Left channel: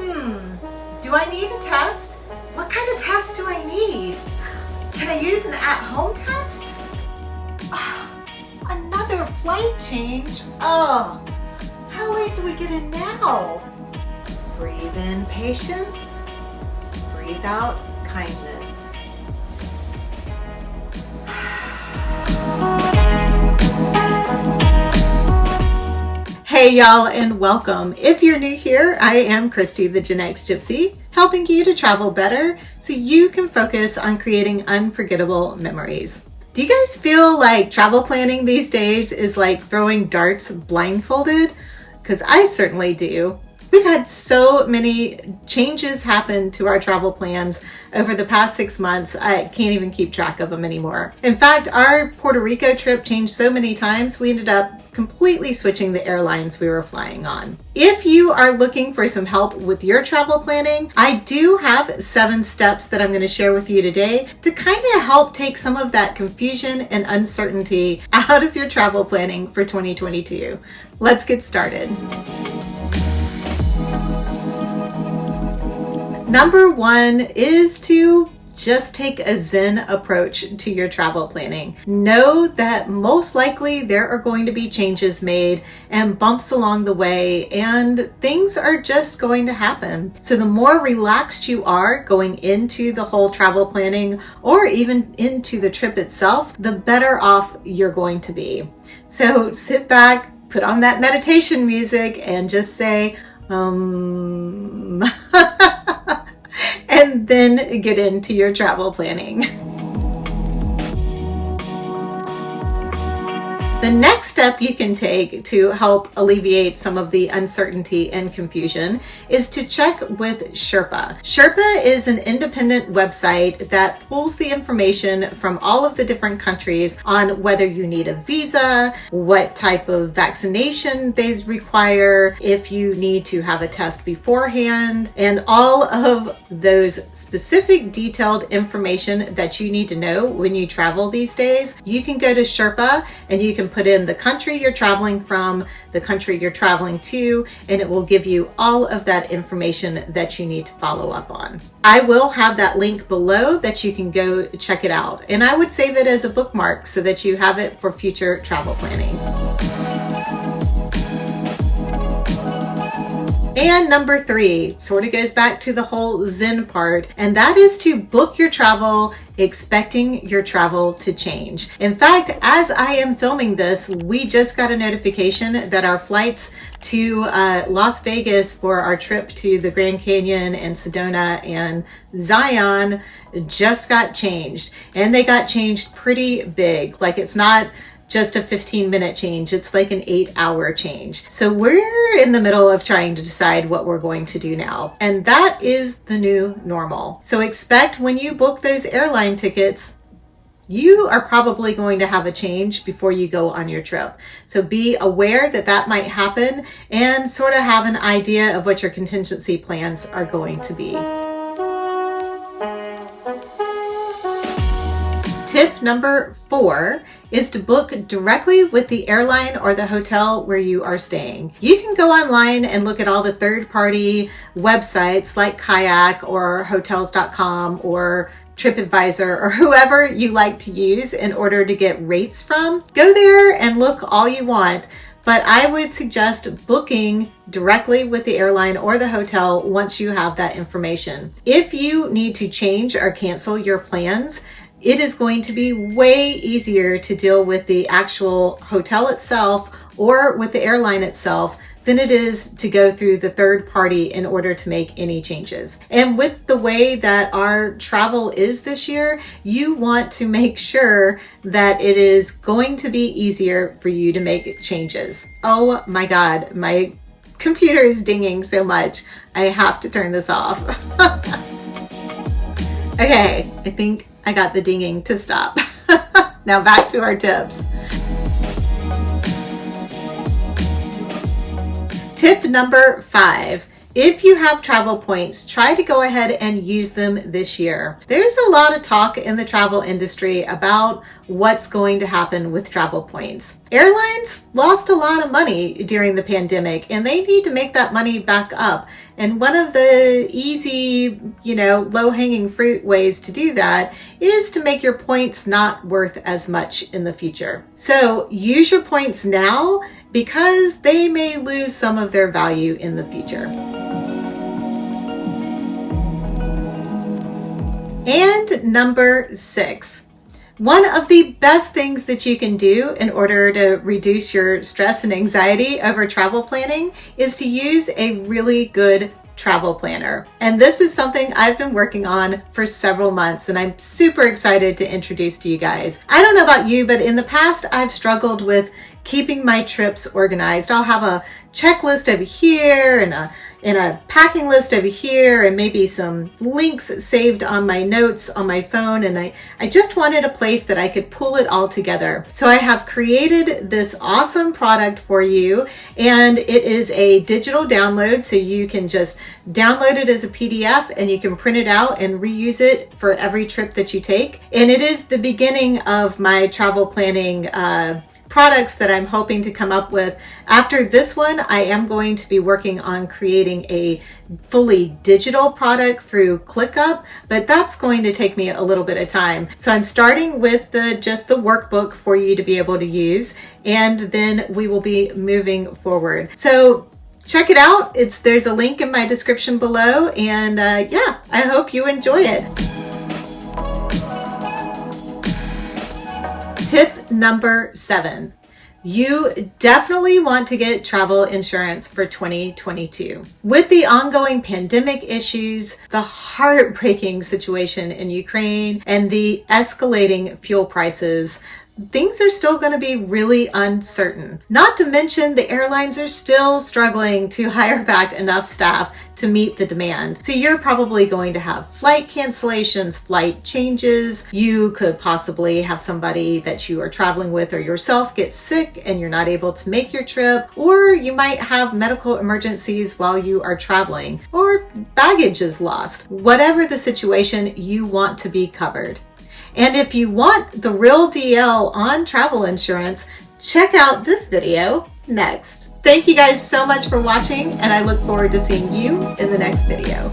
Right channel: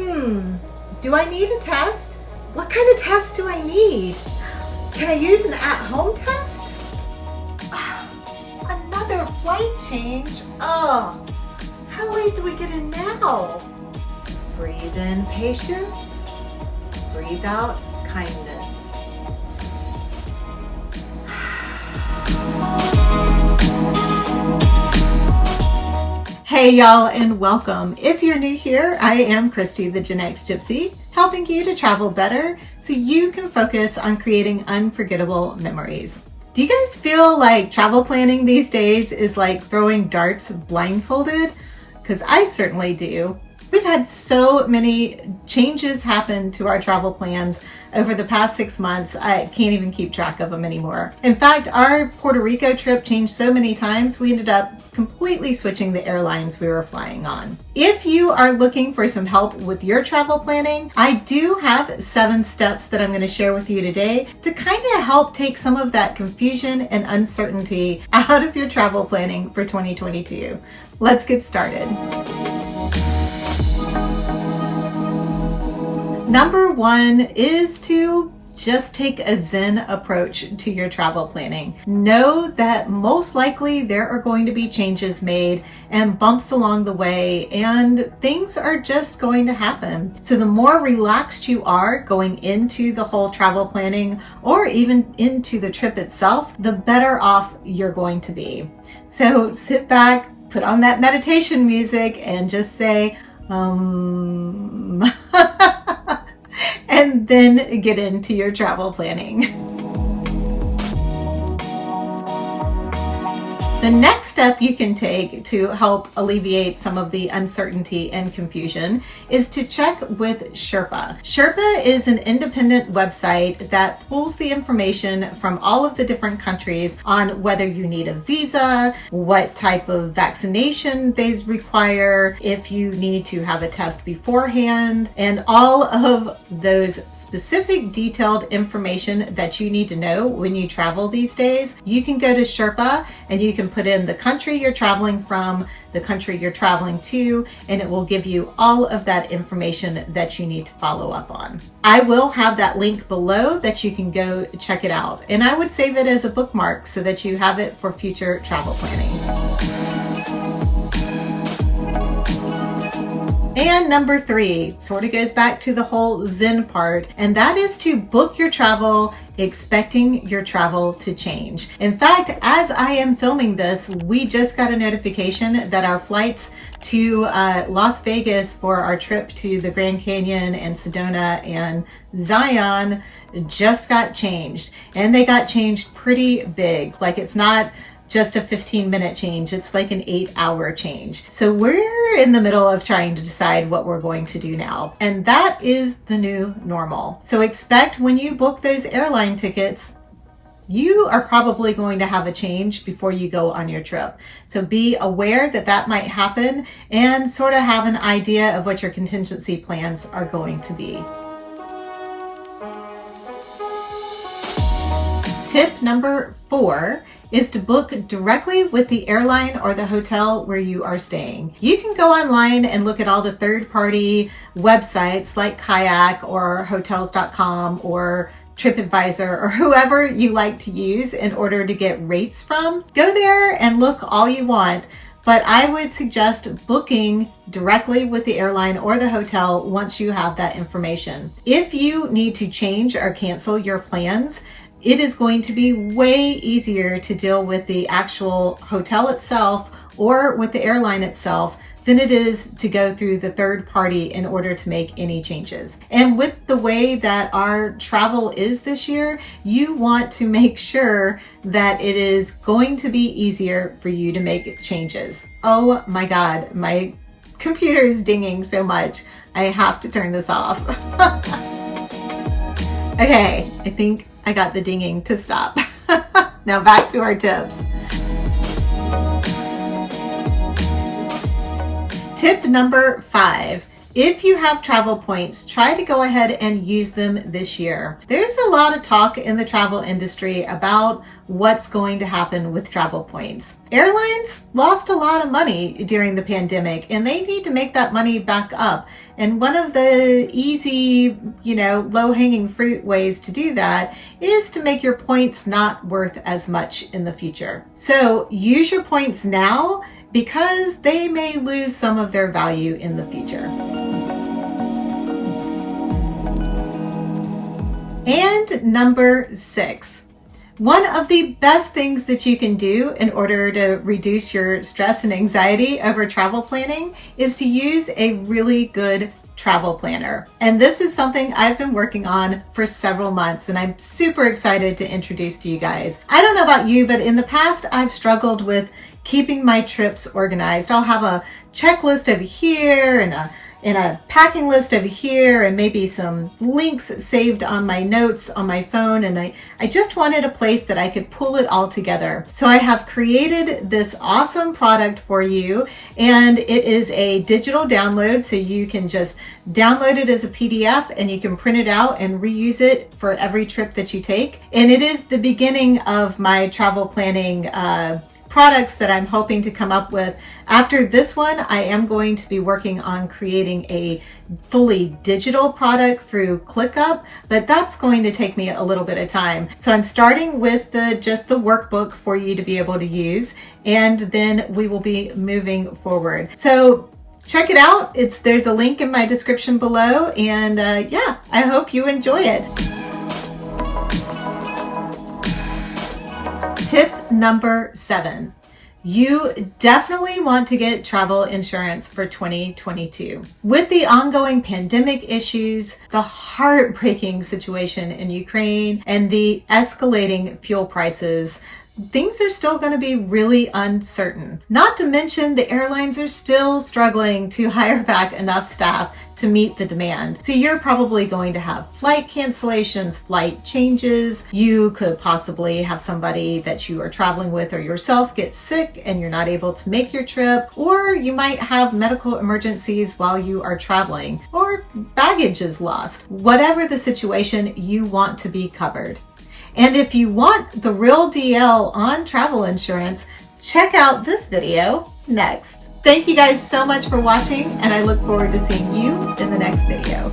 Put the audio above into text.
Do I need a test? What kind of test do I need? Can I use an at-home test? Another flight change? Oh, how late do we get in now? Breathe in patience. Breathe out kindness. Hey y'all, and welcome. If you're new here, I am Christi, the Gen X Gypsy, helping you to travel better so you can focus on creating unforgettable memories. Do you guys feel like travel planning these days is like throwing darts blindfolded? Because I certainly do. We've had so many changes happen to our travel plans over the past 6 months, I can't even keep track of them anymore. In fact, our Puerto Rico trip changed so many times, we ended up completely switching the airlines we were flying on. If you are looking for some help with your travel planning, I do have 7 steps that I'm going to share with you today to kind of help take some of that confusion and uncertainty out of your travel planning for 2022. Let's get started. Number 1 is to just take a Zen approach to your travel planning. Know that most likely there are going to be changes made and bumps along the way, and things are just going to happen. So the more relaxed you are going into the whole travel planning or even into the trip itself, the better off you're going to be. So sit back, put on that meditation music and just say, and then get into your travel planning. The next step you can take to help alleviate some of the uncertainty and confusion is to check with Sherpa. Sherpa is an independent website that pulls the information from all of the different countries on whether you need a visa, what type of vaccination they require, if you need to have a test beforehand, and all of those specific detailed information that you need to know when you travel these days. You can go to Sherpa and you can put in the country you're traveling from, the country you're traveling to, and it will give you all of that information that you need to follow up on. I will have that link below that you can go check it out. And I would save it as a bookmark so that you have it for future travel planning. And number 3 sort of goes back to the whole Zen part, and that is to book your travel expecting your travel to change. In fact, as I am filming this, we just got a notification that our flights to Las Vegas for our trip to the Grand Canyon and Sedona and Zion just got changed. And they got changed pretty big. Like, it's not just a 15-minute change, it's like an 8-hour change. So we're in the middle of trying to decide what we're going to do now. And that is the new normal. So expect when you book those airline tickets, you are probably going to have a change before you go on your trip. So be aware that that might happen and sort of have an idea of what your contingency plans are going to be. Tip number 4 is to book directly with the airline or the hotel where you are staying. You can go online and look at all the third-party websites like Kayak or Hotels.com or TripAdvisor or whoever you like to use in order to get rates from. Go there and look all you want, but I would suggest booking directly with the airline or the hotel once you have that information. If you need to change or cancel your plans, it is going to be way easier to deal with the actual hotel itself or with the airline itself than it is to go through the third party in order to make any changes. And with the way that our travel is this year, you want to make sure that it is going to be easier for you to make changes. Oh my God, my computer is dinging so much. I have to turn this off. Okay, I think I got the dinging to stop. Now back to our tips. Tip number 5 If you have travel points, try to go ahead and use them this year. There's a lot of talk in the travel industry about what's going to happen with travel points. Airlines lost a lot of money during the pandemic and they need to make that money back up. And one of the easy, low-hanging fruit ways to do that is to make your points not worth as much in the future. So use your points now because they may lose some of their value in the future. And number 6. One of the best things that you can do in order to reduce your stress and anxiety over travel planning is to use a really good travel planner. And this is something I've been working on for several months and I'm super excited to introduce to you guys. I don't know about you, but in the past I've struggled with keeping my trips organized. I'll have a checklist over here and a packing list over here and maybe some links saved on my notes on my phone, and I just wanted a place that I could pull it all together. So I have created this awesome product for you, and it is a digital download, so you can just download it as a PDF and you can print it out and reuse it for every trip that you take. And it is the beginning of my travel planning products that I'm hoping to come up with. After this one, I am going to be working on creating a fully digital product through ClickUp, but that's going to take me a little bit of time. So I'm starting with just the workbook for you to be able to use, and then we will be moving forward. So check it out. There's a link in my description below, and yeah, I hope you enjoy it. Tip number 7. You definitely want to get travel insurance for 2022. With the ongoing pandemic issues, the heartbreaking situation in Ukraine, and the escalating fuel prices, things are still going to be really uncertain. Not to mention the airlines are still struggling to hire back enough staff to meet the demand. So you're probably going to have flight cancellations, flight changes. You could possibly have somebody that you are traveling with or yourself get sick and you're not able to make your trip, or you might have medical emergencies while you are traveling, or baggage is lost. Whatever the situation, you want to be covered. And if you want the real deal on travel insurance, check out this video next. Thank you guys so much for watching, and I look forward to seeing you in the next video.